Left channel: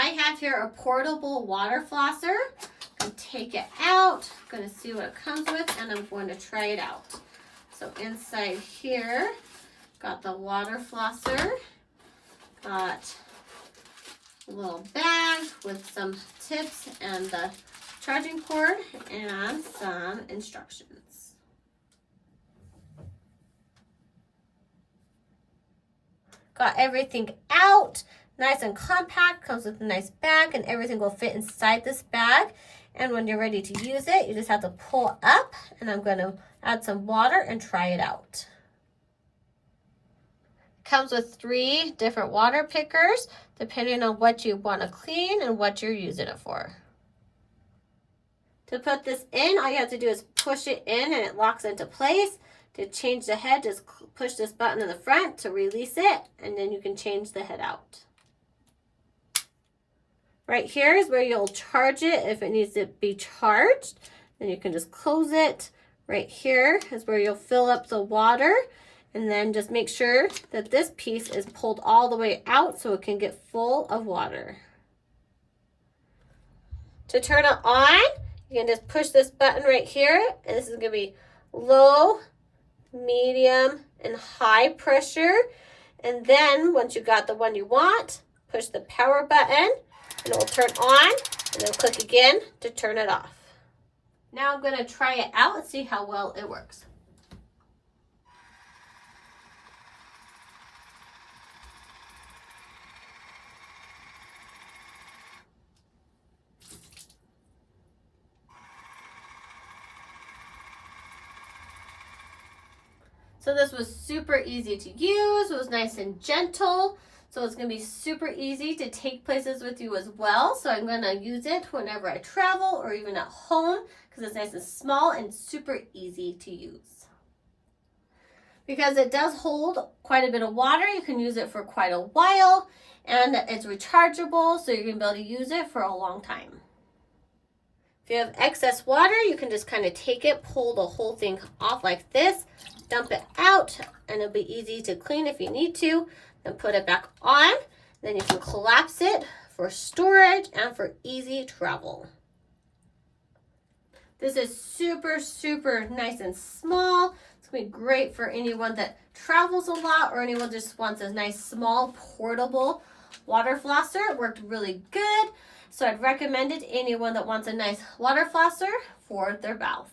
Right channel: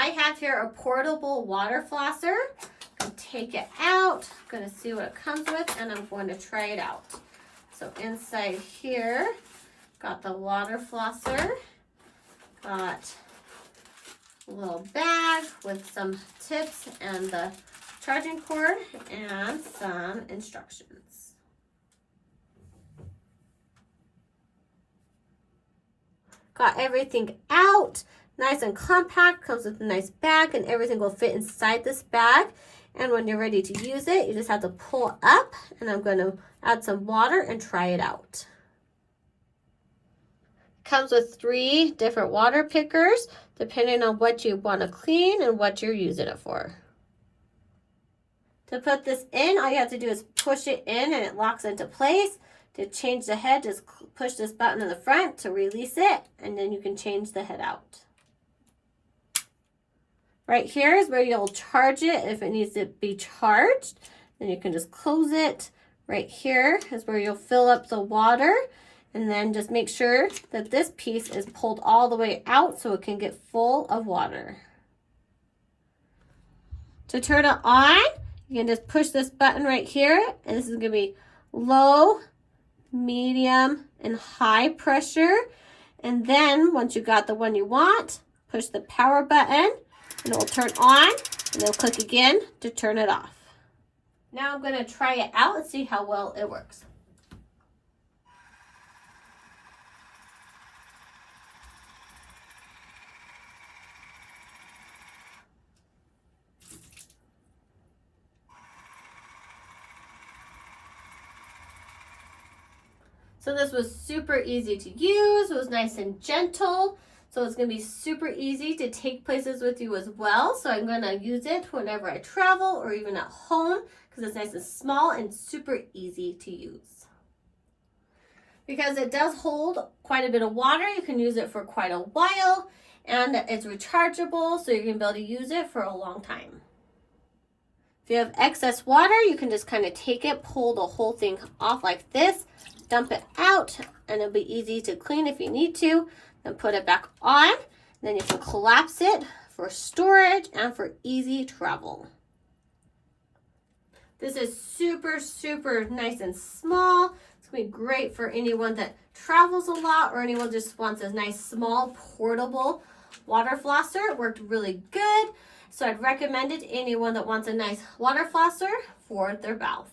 I have here a portable water flosser. I'm going to take it out. I'm going to see what it comes with, and I'm going to try it out. So inside here, got the water flosser. Got a little bag with some tips and the charging cord and some instructions. Got everything out, nice and compact, comes with a nice bag, and everything will fit inside this bag. And when you're ready to use it, you just have to pull up, and I'm going to add some water and try it out. Comes with 3 different water pickers, depending on what you want to clean and what you're using it for. To put this in, all you have to do is push it in and it locks into place. To change the head, just push this button in the front to release it, and then you can change the head out. Right here is where you'll charge it if it needs to be charged. Then you can just close it. Right here is where you'll fill up the water, and then just make sure that this piece is pulled all the way out so it can get full of water. To turn it on, you can just push this button right here, and this is going to be low, medium, and high pressure. And then once you got the one you want, push the power button and it will turn on, and then click again to turn it off. Now I'm going to try it out and see how well it works. So this was super easy to use. It was nice and gentle. So it's going to be super easy to take places with you as well. So I'm going to use it whenever I travel or even at home because it's nice and small and super easy to use. Because it does hold quite a bit of water, you can use it for quite a while, and it's rechargeable, so you're going to be able to use it for a long time. If you have excess water, you can just kind of take it, pull the whole thing off like this, dump it out, and it'll be easy to clean if you need to. Then put it back on. Then you can collapse it for storage and for easy travel. This is super, super nice and small. It's going to be great for anyone that travels a lot or anyone just wants a nice, small, portable water flosser. It worked really good. So I'd recommend it to anyone that wants a nice water flosser for their mouth.